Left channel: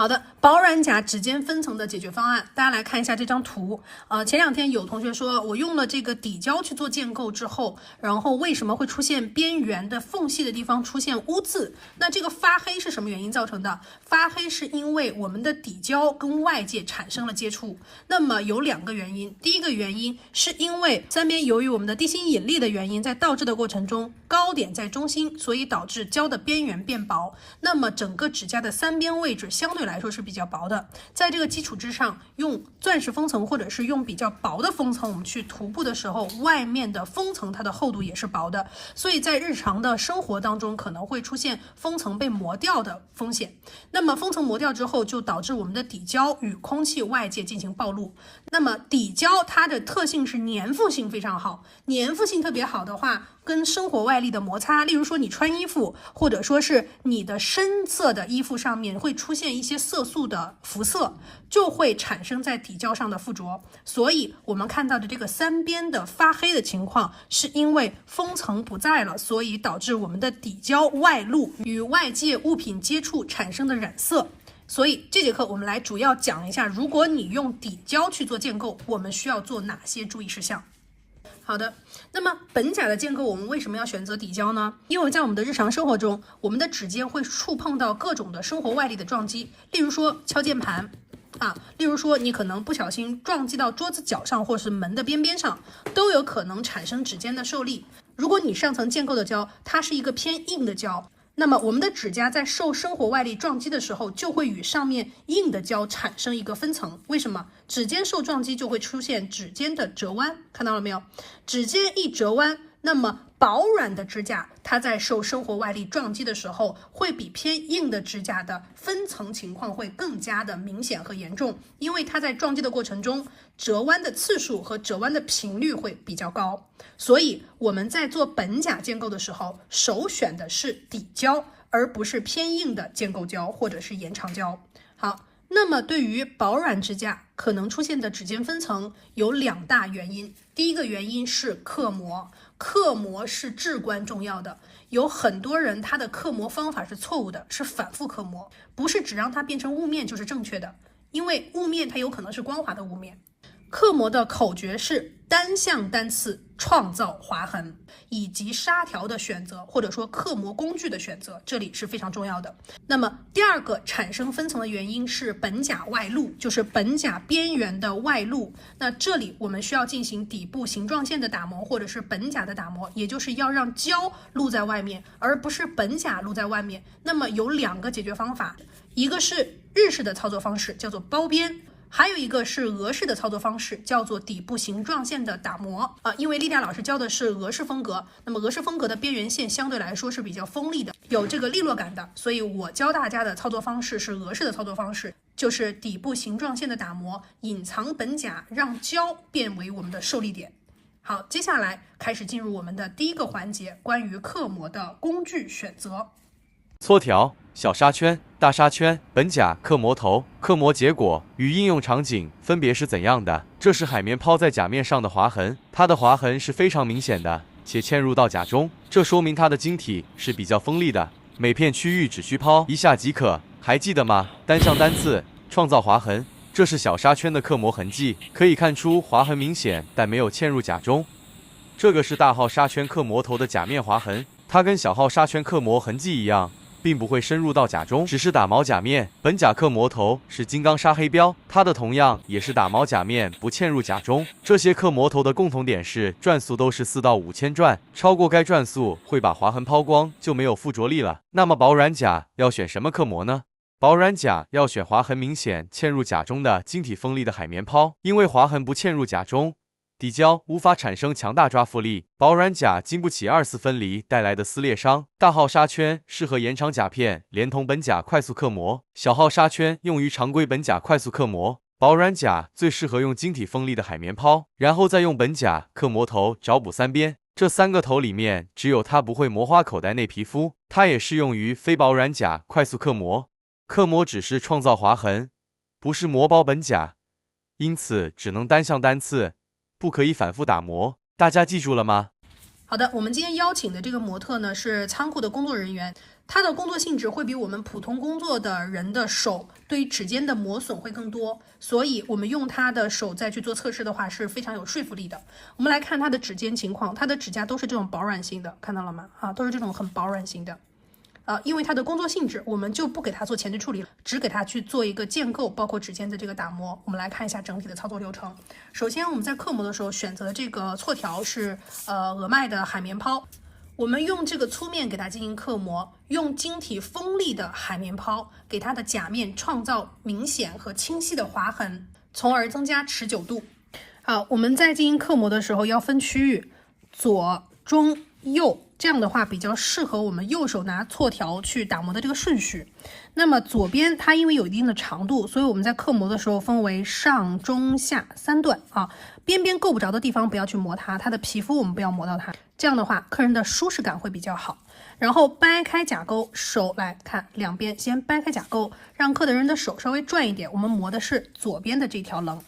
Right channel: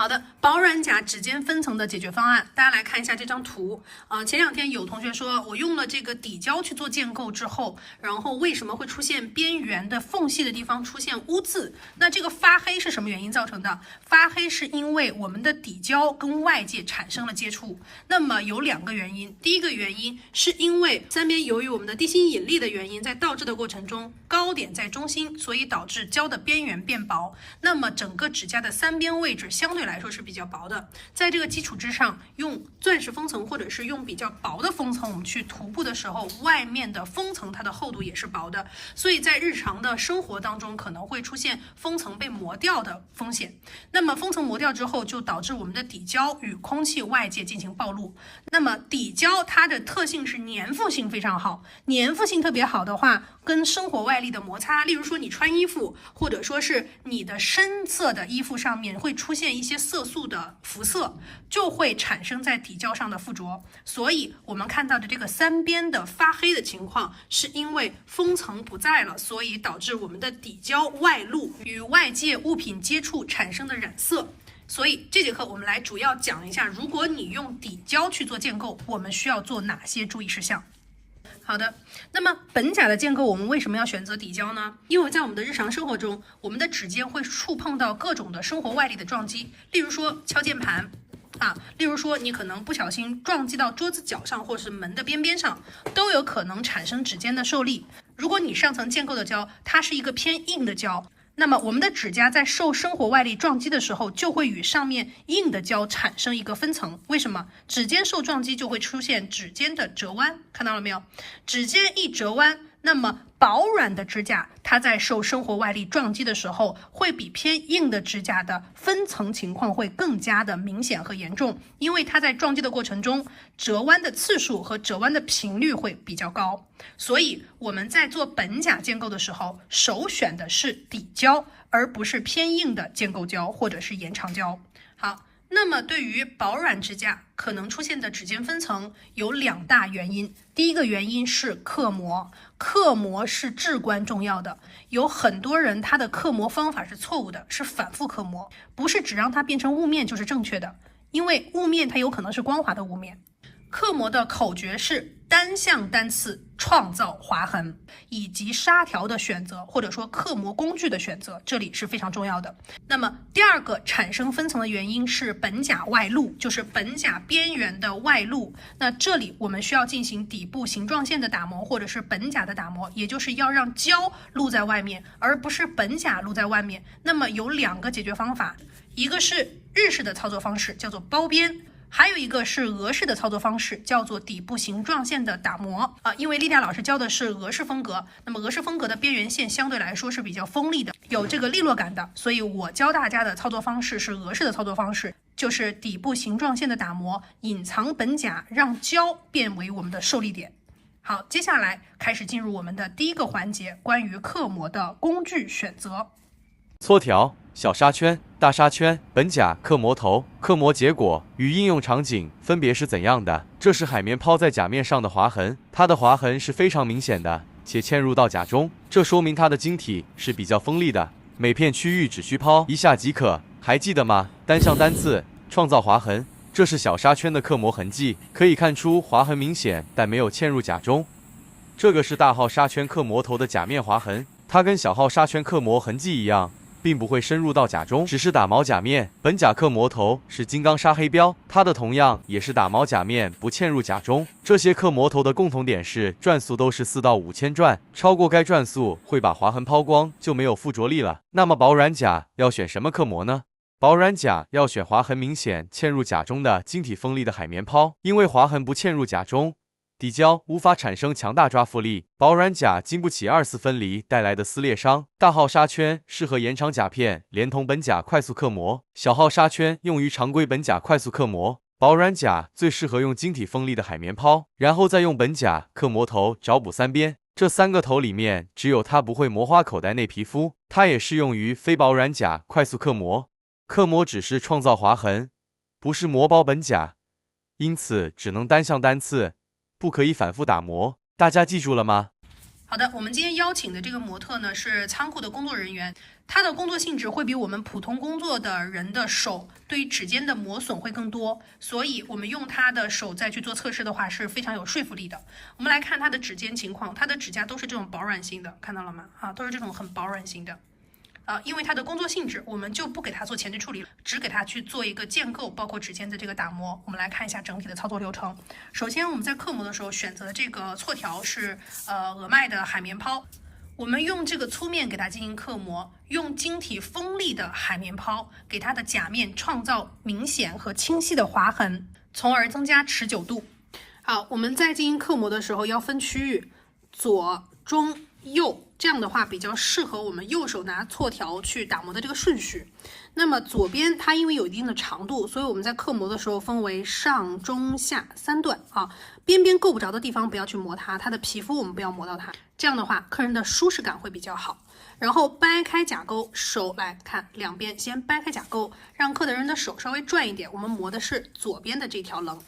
好的，保软甲指尖分层的解决方案，大家来看一下这张图。前两天有同学说我用了这个底胶去做建构之后，然后为什么会出现边缘的缝隙的地方出现污渍？那这个发黑是什么原因造成的？发黑是因为我们的底胶跟外界产生了接触。那么有两个原因，第一个原因是因为三边由于我们的地心引力的原因，在倒置的过程中，高点在中心，所以导致胶的边缘变薄。那么整个指甲的三边位置相对来说是比较薄的，在这个基础之上，用钻石封层或者是用比较薄的封层，我们去涂布的时候，外面的封层它的厚度也是薄的，所以在日常的生活当中可能会出现封层被磨掉的风险。那么封层磨掉之后，就导致我们的底胶与空气外界进行暴露。那么底胶它的特性是粘附性非常好，粘附性特别好的话，跟生活外力的摩擦，例如说你穿衣服，或者说是你的深色的衣服上面会出现一些色素的辐射，就会产生在底胶上的附着。所以我们看到的这个三边的发黑的情况，是因为封层不在了，所以导致我们的底胶外露与外界物品接触产生的染色。所以这节课我们来主要讲一下，如果你用底胶去做建构，我们需要做哪些注意事项。好的，那么本甲的建构我们为什么要选择底胶呢？因为在我们的日常生活中，我们的指尖会触碰到各种的生活外力的撞击，例如说敲键盘例如说你可能不小心撞击到桌子角上或是门的边边上，都有可能产生指尖的受力。如果你上层建构的胶它是一个偏硬的胶，那么我们的指甲在受生活外力撞击的时候，就会与上面硬的胶产生一个分层。为什么？指尖受撞击就会出现指尖的折弯，看到了没有？指尖一折弯，那么薄软的指甲它在受生活外力撞击的时候，会比偏硬的指甲的分层情况会更加的明显和严重，因为它在撞击的过程中，折弯的次数和折弯的频率会比较高。所以我们在做本甲建构的时候，首选的是底胶，而不是偏硬的建构胶或者是延长胶。好，那么对于薄软指甲可能出现的指尖分层有两大原因。第一个原因是刻模，刻模是至关重要的。有很多人他的刻模方法是错误的，是反复刻模，不是只让它变成雾面就是正确的，因为雾面它有可能是光滑的雾面。刻模的口诀是单向单刺创造划痕，以及纱条的选择，或者说刻模工具的选择，这里是非常重要的。那么第二个产生分层的原因是本甲外露，就是本甲边缘的外露。那这里我们需要进行底部形状线的打磨，或者是本甲的打磨，也就是要让胶露在外面，而不是本甲露在外面。那么有两个解决方法，一个是日式的操作方式，叫做包边，还有一个是俄式的操作方式，叫做底部形状线的打磨因为丽丽老师教的是俄式风格，那么俄式风格的边缘线相对来说是比较锋利的，有这个利落感的，所以我教大家的操作方式是俄式的操作方式，就是底部形状线的打磨，隐藏本甲，让胶变为我们的受力点。好，接下来开始进入我们的第一个环节，关于刻模的工具选择。搓条、小纱圈、大纱圈、本甲、刻模头、刻模结果与应用场景分别是怎样的？这是海绵抛在甲面上的划痕，它的划痕是非常明显的，且嵌入到甲中，这说明它的晶体是比较锋利的，每片区域只需抛一下即可。还记得吗？单向单刺创造划痕，这是小纱圈的刻模痕迹，可以看出划痕明显，但没有嵌入甲中。这个是大号纱圈刻模头的甲面划痕，它跟小号纱圈刻模痕迹一样，并不会深入到甲中，只是打毛甲面。本甲刻模头是金刚砂黑标，它的同样也是打毛甲面，不嵌入甲中。这些刻模头的共同点是转速都是4到5千转，超过该转速会把划痕抛光，就没有附着力了。那么薄软甲要选什么刻模呢？薄软甲要选划痕明显嵌入甲中的晶体锋利的海绵抛，因为划痕不嵌入甲中，底胶无法产生强大抓附力，薄软甲经不起2次分离带来的撕裂伤。大号纱圈适合延长甲片连同本甲快速刻模，小号纱圈用于常规本甲快速刻模。薄软甲最适合用晶体锋利的海绵抛，然后再用本甲刻模头找补三边。这3个头里面，只有它不会磨花口袋内皮肤，它也适用于非薄软甲快速刻模。刻模只是创造划痕，不是磨薄本甲，因此只能单向单刺，不可以反复打磨。大家记住了吗？好的，我们今天邀请的这个模特呢是仓库的工作人员，他的工作性质会比我们普通工作的人的手对于指尖的磨损会更多，所以我们用他的手再去做测试的话是非常有说服力的。我们来看他的指尖情况，他的指甲都是这种薄软型的，看到了吗？都是这种很薄软型的。因为它的工作性质，我们就不给它做前置处理，只给它去做一个建构，包括指尖的这个打磨。我们来看一下整体的操作流程。首先，我们在刻模的时候选择的这个错条是俄麦的海绵抛，我们用这个粗面给它进行刻模，用晶体锋利的海绵抛给它的甲面创造明显和清晰的划痕，从而增加持久度。好，我们在进行刻模的时候要分区域，左、中、右，这样的话比较适合我们右手拿错条去打磨的这个顺序。那么左边它因为有一定的长度，所以我们在刻模的时候分为上、中、下3段边边够不着的地方不要去磨它，它的皮肤我们不要磨到它，这样的话客人的舒适感会比较好。然后掰开甲沟，手来看两边，先掰开甲沟，让客人的手稍微转一点，我们磨的是左边的这条棱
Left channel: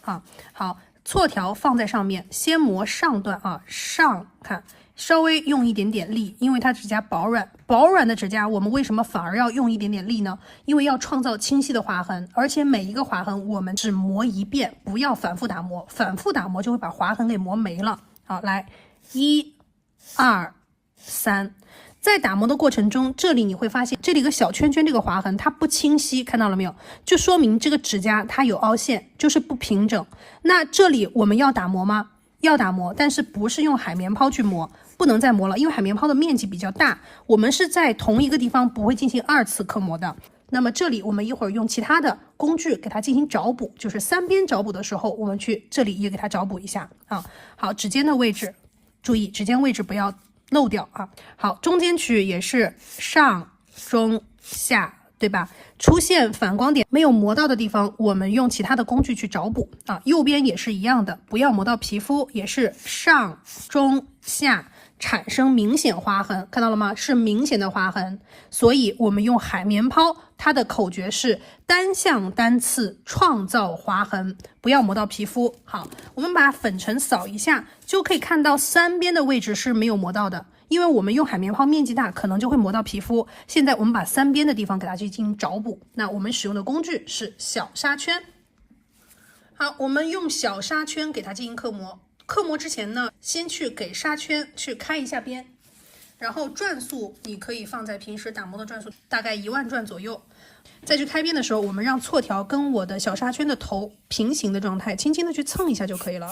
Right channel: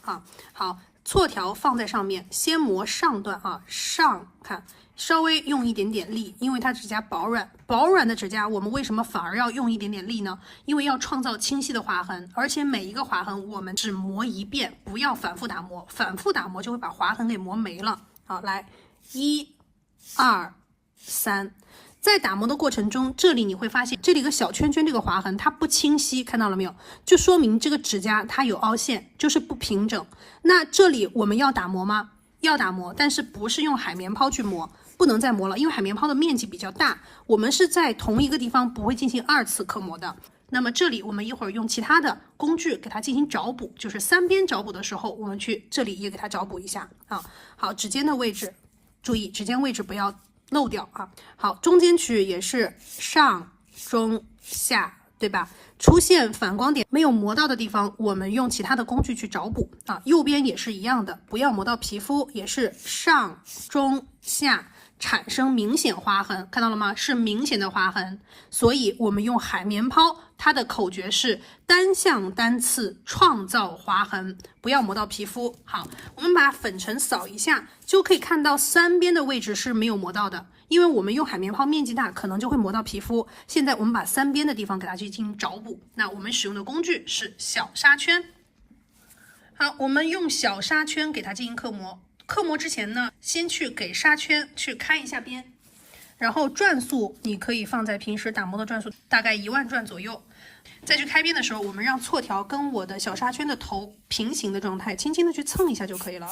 好，错条放在上面，先磨上段上看。稍微用一点点力，因为它指甲薄软的指甲，我们为什么反而要用一点点力呢？因为要创造清晰的划痕，而且每一个划痕我们只磨一遍，不要反复打磨，反复打磨就会把划痕给磨没了。好，来1、2、3，在打磨的过程中，这里你会发现这里一个小圈圈，这个划痕它不清晰，看到了没有？就说明这个指甲它有凹陷，就是不平整。那这里我们要打磨吗？要打磨，但是不是用海绵抛去磨，不能再磨了，因为海绵抛的面积比较大，我们是在同一个地方不会进行2次刻磨的。那么这里我们一会儿用其他的工具给它进行找补，就是3边找补的时候，我们去这里也给它找补一下好，指尖的位置，注意指尖位置不要漏掉好，中间区域也是上、中、下，对吧？出现反光点没有磨到的地方，我们用其他的工具去找补右边也是一样的，不要磨到皮肤，也是上、中、下产生明显划痕，看到了吗？是明显的划痕，所以我们用海绵抛，它的口诀是单向单刺创造划痕，不要磨到皮肤。好，我们把粉尘扫一下，就可以看到3边的位置是没有磨到的，因为我们用海绵抛面积大，可能就会磨到皮肤。现在我们把3边的地方给它去进行找补，那我们使用的工具是小砂圈。好，我们用小砂圈给它进行刻模。刻模之前呢，先去给砂圈去开一下边，然后转速你可以放在平时打磨的转速，大概1万转左右。再去开边的时候，我们让错条跟我的小砂圈的头平行的状态，轻轻的去蹭一下就可以了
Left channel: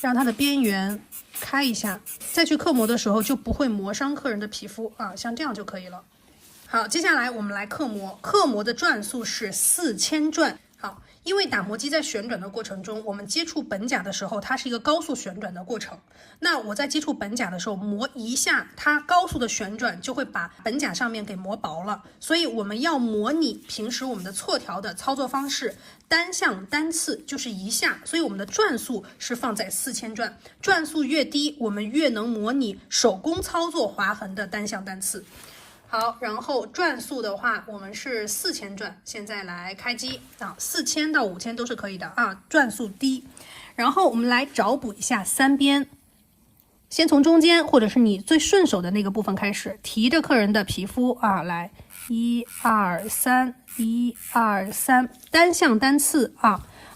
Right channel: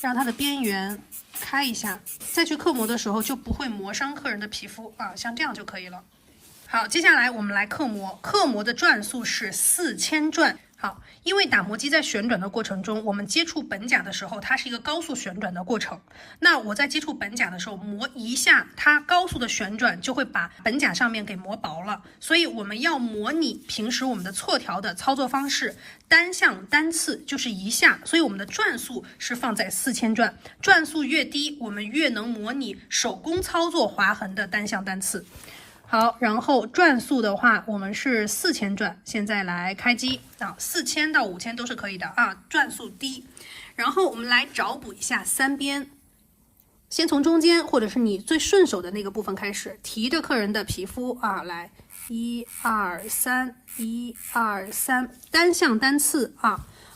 让它的边缘开一下。再去刻模的时候就不会磨伤客人的皮肤像这样就可以了。好，接下来我们来刻模，刻模的转速是4000转。好，因为打磨机在旋转的过程中，我们接触本甲的时候，它是一个高速旋转的过程。那我在接触本甲的时候，磨一下，它高速的旋转就会把本甲上面给磨薄了。所以我们要模拟平时我们的错条的操作方式，单向单刺就是一下，所以我们的转速是放在4000转。转速越低，我们越能模拟手工操作划痕的单向单刺。好，然后转速的话，我们是4000转。现在来开机4000到5000都是可以的转速低。然后我们来找补一下3边，先从中间或者是你最顺手的那个部分开始，提着客人的皮肤来1、2、3， 1、2、3，单向单刺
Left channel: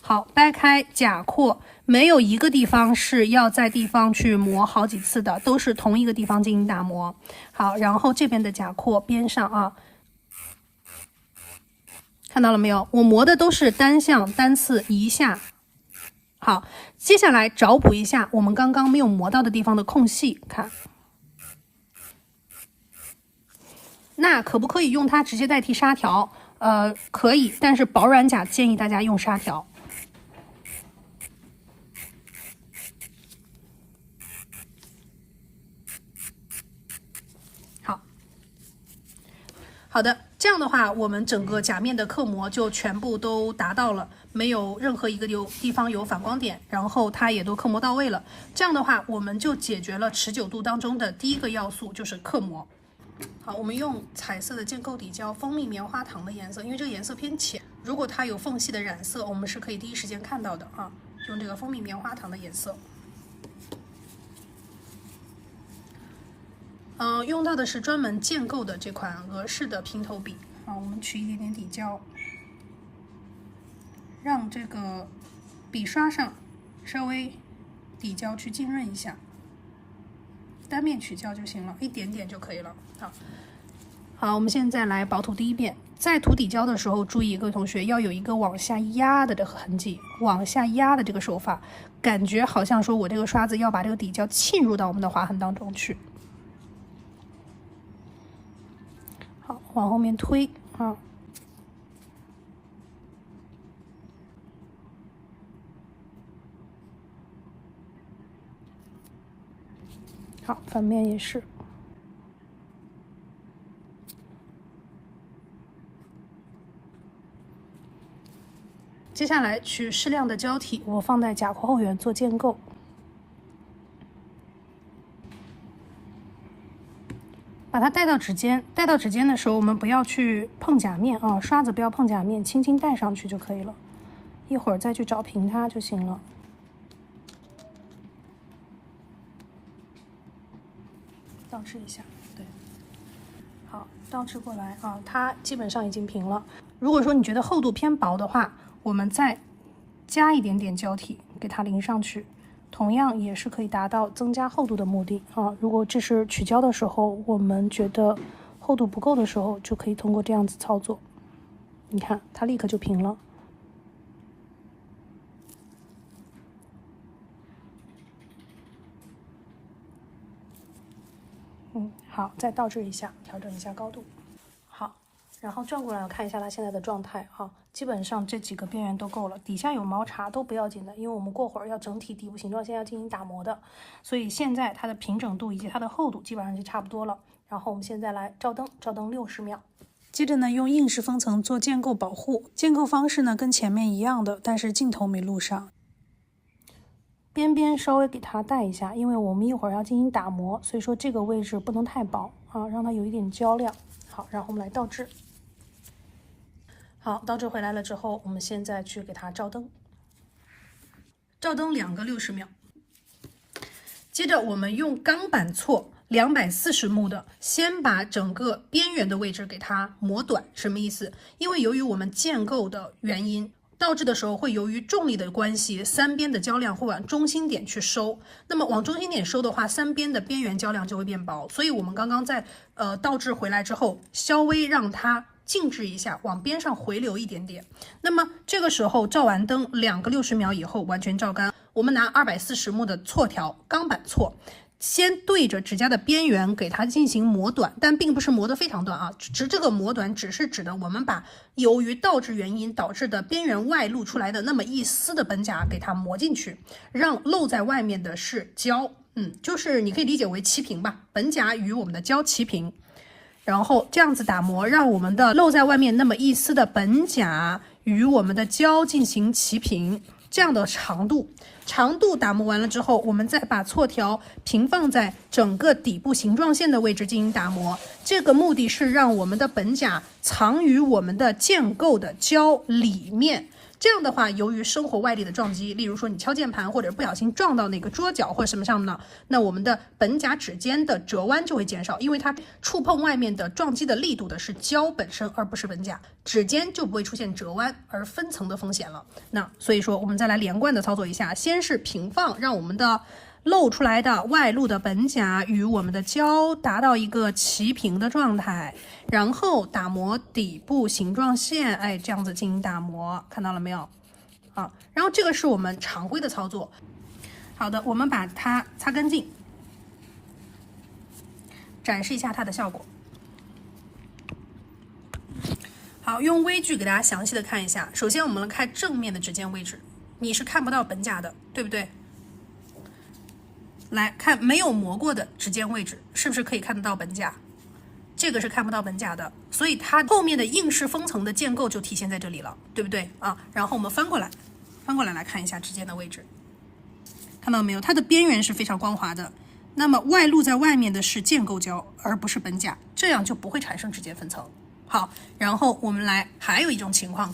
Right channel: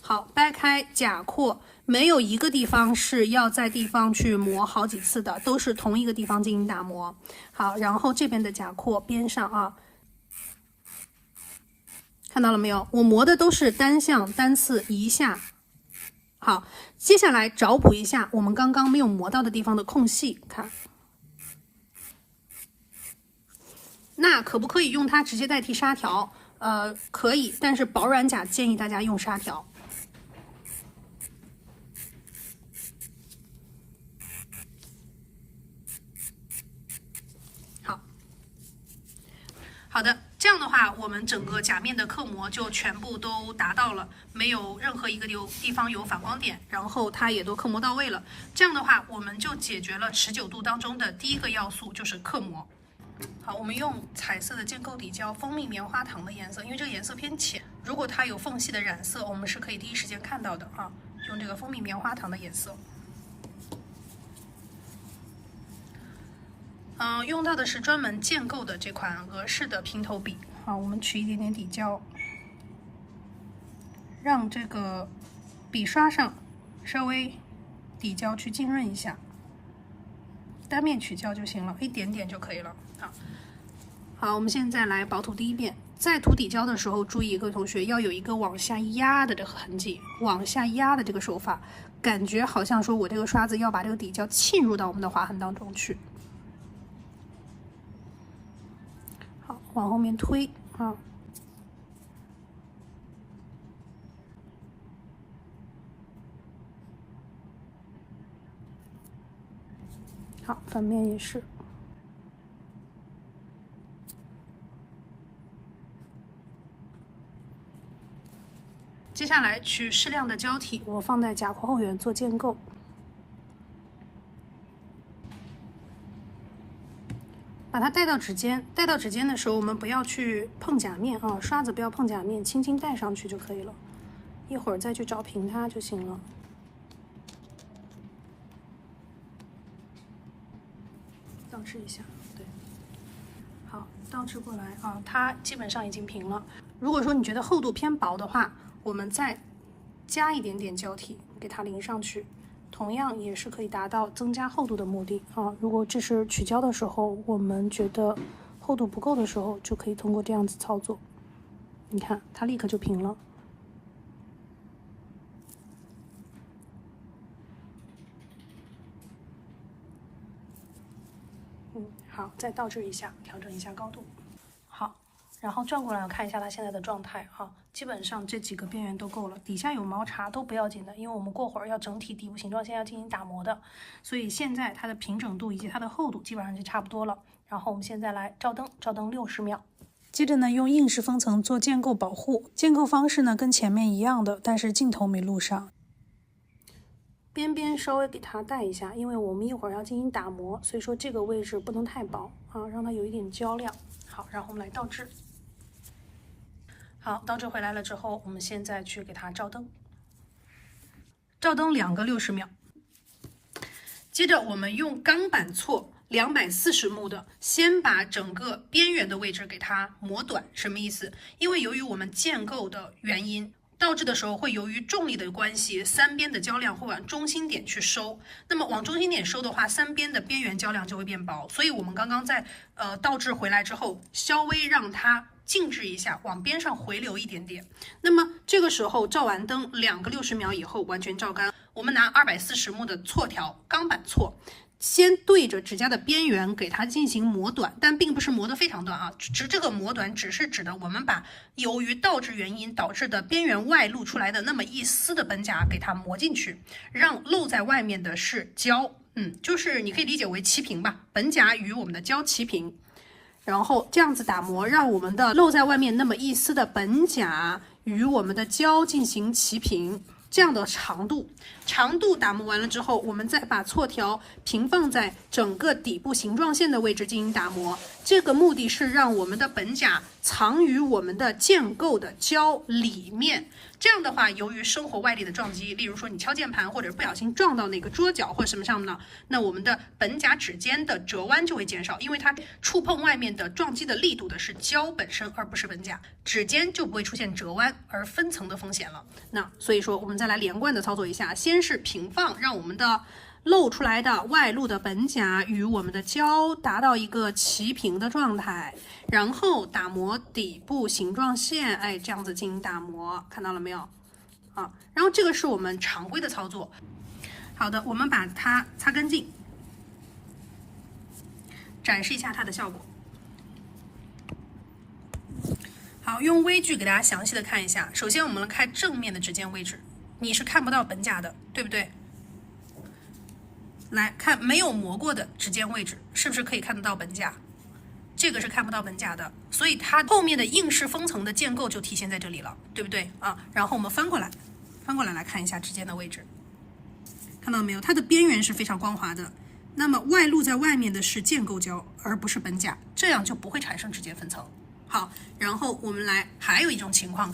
好，掰开甲廓，没有一个地方是要在地方去磨好几次的，都是同一个地方进行打磨。好，然后这边的甲廓边上看到了没有？我磨的都是单向单刺一下。好，接下来找补一下我们刚刚没有磨到的地方的空隙，看。那可不可以用它直接代替砂条？可以，但是薄软甲建议大家用砂条。好的，这样的话，我们整个甲面的刻模就全部都达到了，没有任何一个地方有反光点，然后它也都刻模到位了。这样的话，我们就解决了持久度当中的第一个要素，就是刻模。好，我们用彩色的建构底胶，蜂蜜棉花糖的颜色，因为这个颜色偏浅，如果它有缝隙的染色，我们是可以第一时间看到的用这个蜂蜜棉花糖的颜色。用到的是专门建构的这款俄式的平头笔。好，我们取一点点底胶，让这个笔刷上稍微底胶去浸润一下，单面取胶就行了，一点点就可以了。好，我们现在来薄涂第一遍。在涂底胶的时候，注意各位同学要有一个往下压的痕迹，往下压的这个手法，感觉好像说我这个刷子要把这个底胶浸入到我们的划痕当中去。好，往后面推，好，反面也是。接下来取适量的胶体，我放在甲壳后缘做建构。把它带到指尖，带到指尖的时候，我们不要去碰甲面啊，刷子不要碰甲面，轻轻带上去就可以了。一会儿再去找平它就行了。倒置一下，对，好，倒置过来啊，它基本上已经平了。如果说你觉得厚度偏薄的话，我们再加一点点胶体给它淋上去，同样也是可以达到增加厚度的目的啊。如果这是取胶的时候，我们觉得厚度不够的时候，就可以通过这样子操作。你看，它立刻就平了。好，再倒置一下，调整一下高度。好。然后转过来看一下它现在的状态哈，基本上这几个边缘都够了，底下有毛茬都不要紧的，因为我们过会儿要整体底部形状线要进行打磨的，所以现在它的平整度以及它的厚度基本上就差不多了。然后我们现在来照灯，照灯60秒。接着呢，用硬式封层做建构保护，建构方式呢跟前面一样的，但是镜头没录上。边边稍微给它带一下，因为我们一会儿要进行打磨，所以说这个位置不能太薄啊，让它有一点焦亮。好，然后我们来倒置。好，倒置回来了之后，我们现在去给它照灯，照灯2个60秒。接着我们用钢板锉240目的，先把整个边缘的位置给它磨短。什么意思？因为由于我们建构的原因，倒置的时候会由于重力的关系，3边的胶量会往中心点去收。那么往中心点收的话，3边的边缘胶量就会变薄。所以我们刚刚在倒置回来之后，稍微让它静置一下，往边上回流一点点。那么这个时候照完灯2个60秒以后完全照干，我们拿240目的锉条，钢板锉，先对着指甲的边缘给它进行磨短，但并不是磨得非常短啊，这个磨短只是指的我们把由于倒置原因导致的边缘外露出来的那么一丝的本甲给它磨进去，让露在外面的是胶，就是你可以理解为齐平吧，本甲与我们的胶齐平。然后这样子打磨，让我们的露在外面那么一丝的本甲与我们的胶进行齐平，这样的长度打磨完了之后，我们再把锉条平放在整个底部形状线的位置进行打磨。这个目的是让我们的本甲藏于我们的建构的胶里面。这样的话，由于生活外力的撞击，例如说你敲键盘或者不小心撞到那个桌角或者什么上呢，那我们的本甲指尖的折弯就会减少，因为它触碰外面的撞击的力度的是胶本身，而不是本甲，指尖就不会出现折弯而分层的风险了。那所以说，我们再来连贯的操作一下，先是平放，让我们的露出来的外露的本甲与我们的胶达到一个齐平的状态，然后打磨底部形状线，这样子进行打磨，看到了没有？啊，然后这个是我们常规的操作。好的，我们把它擦干净，展示一下它的效果。好，用微距给大家详细的看一下。首先我们来看正面的指尖位置，你是看不到本甲的，对不对？来看没有磨过的指尖位置，是不是可以看得到本甲？这个是看不到本甲的，所以它后面的硬式封层的建构就体现在这里了，对不对啊？然后我们翻过来来看一下指尖的位置，看到没有？它的边缘是非常光滑的，那么外露在外面的是建构胶，而不是本甲，这样就不会产生指尖分层。好，然后我们还有一种情况，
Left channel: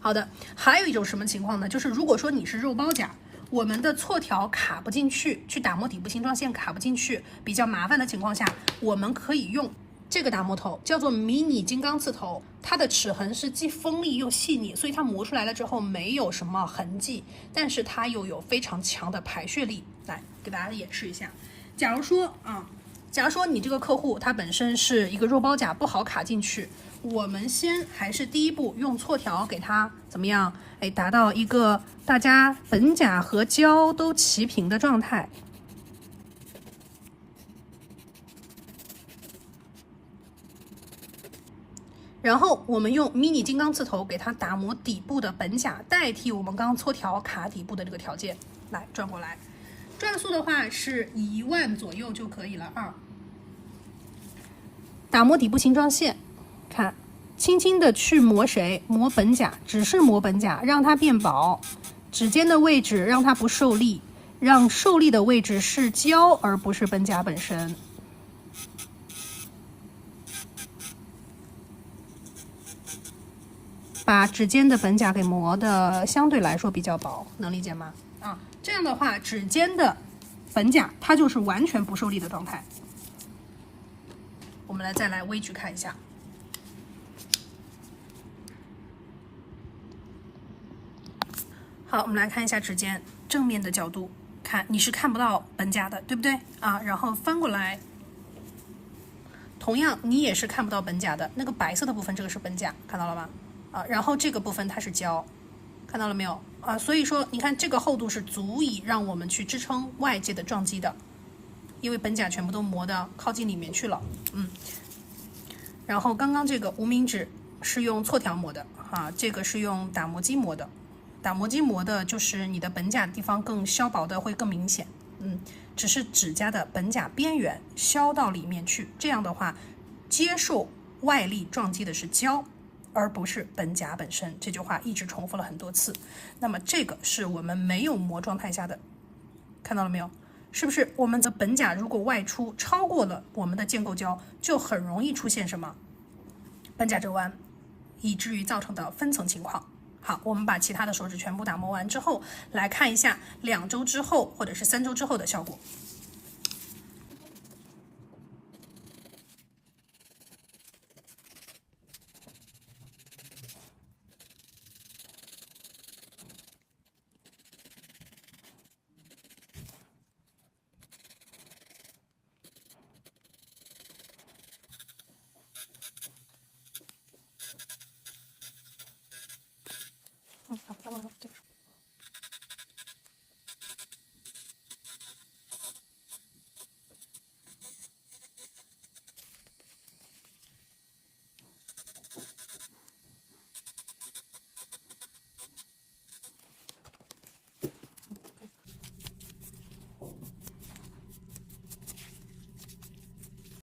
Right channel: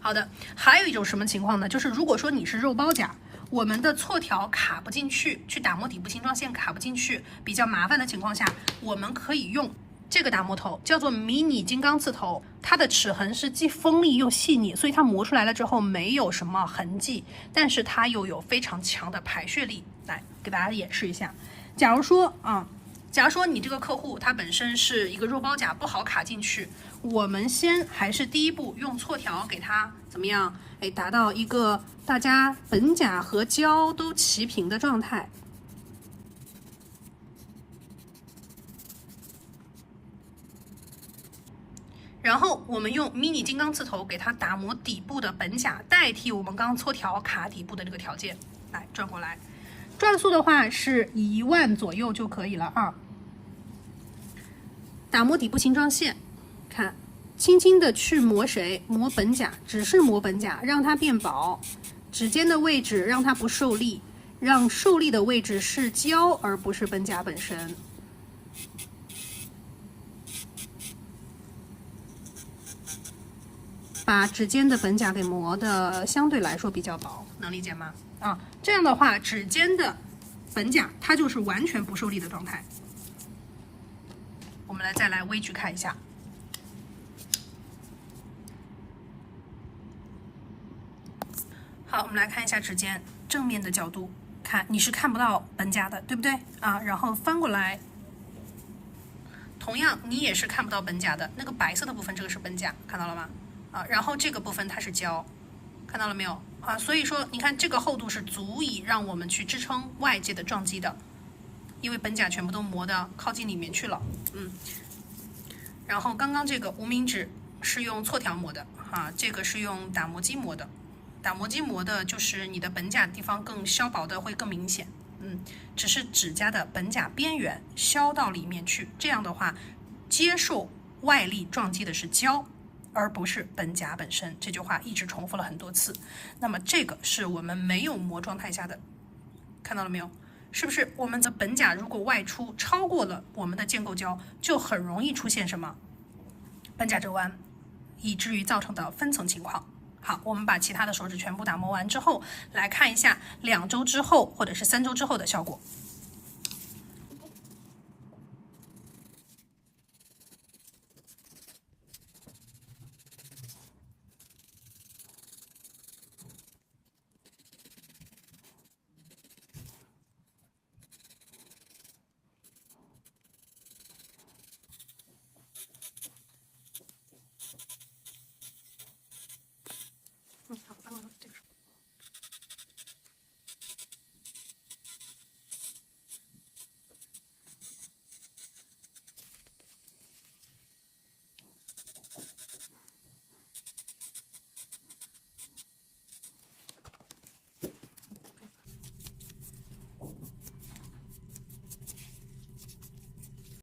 好的，还有一种什么情况呢？就是如果说你是肉包甲，我们的错条卡不进去，去打磨底部形状线卡不进去，比较麻烦的情况下，我们可以用这个打磨头，叫做迷你金刚刺头，它的齿痕是既锋利又细腻，所以它磨出来了之后没有什么痕迹，但是它又有非常强的排血力。来给大家演示一下，假如说你这个客户他本身是一个肉包甲，不好卡进去，我们还是第一步用错条给它怎么样？达到一个大家本甲和胶都齐平的状态。然后我们用迷你金刚刺头给它打磨底部的本甲，代替我们刚刚错条卡底部的这个条件。来转过来，转速的话是1万左右就可以了啊。打磨底部形状线，看。轻轻的去磨谁？磨本甲，只是磨本甲，让它变薄。指尖的位置让它不受力，让受力的位置是胶而不是本甲本身。把指尖的本甲给磨的相对来说比较薄，能理解吗？这样的话，指尖的本甲它就是完全不受力的状态。我们再来微距看一下。好，我们来看一下指尖正面的角度，看你是看不到本甲的，对不对啊？然后翻过来，同样你也是看不到本甲的，那个白色的部分，这个是本甲，看到了吗？然后这个部分它是胶，看到了没有啊？所以说你看这个厚度是足以让我们去支撑外界的撞击的，因为本甲全部都磨的靠近里面去了，然后刚刚这个无名指是用错条磨的这个是用打磨机磨的。打磨机磨的就是你的本甲地方更削薄的会更明显，只是指甲的本甲边缘削到里面去，这样的话接受外力撞击的是胶而不是本甲本身，这句话一直重复了很多次。那么这个是我们没有磨状态下的，看到了没有？是不是我们的本甲如果外出超过了我们的建构胶，就很容易出现什么本甲折弯，以至于造成的分层情况。好，我们把其他的手指全部打磨完之后，来看一下2周之后或者是3周之后的效果。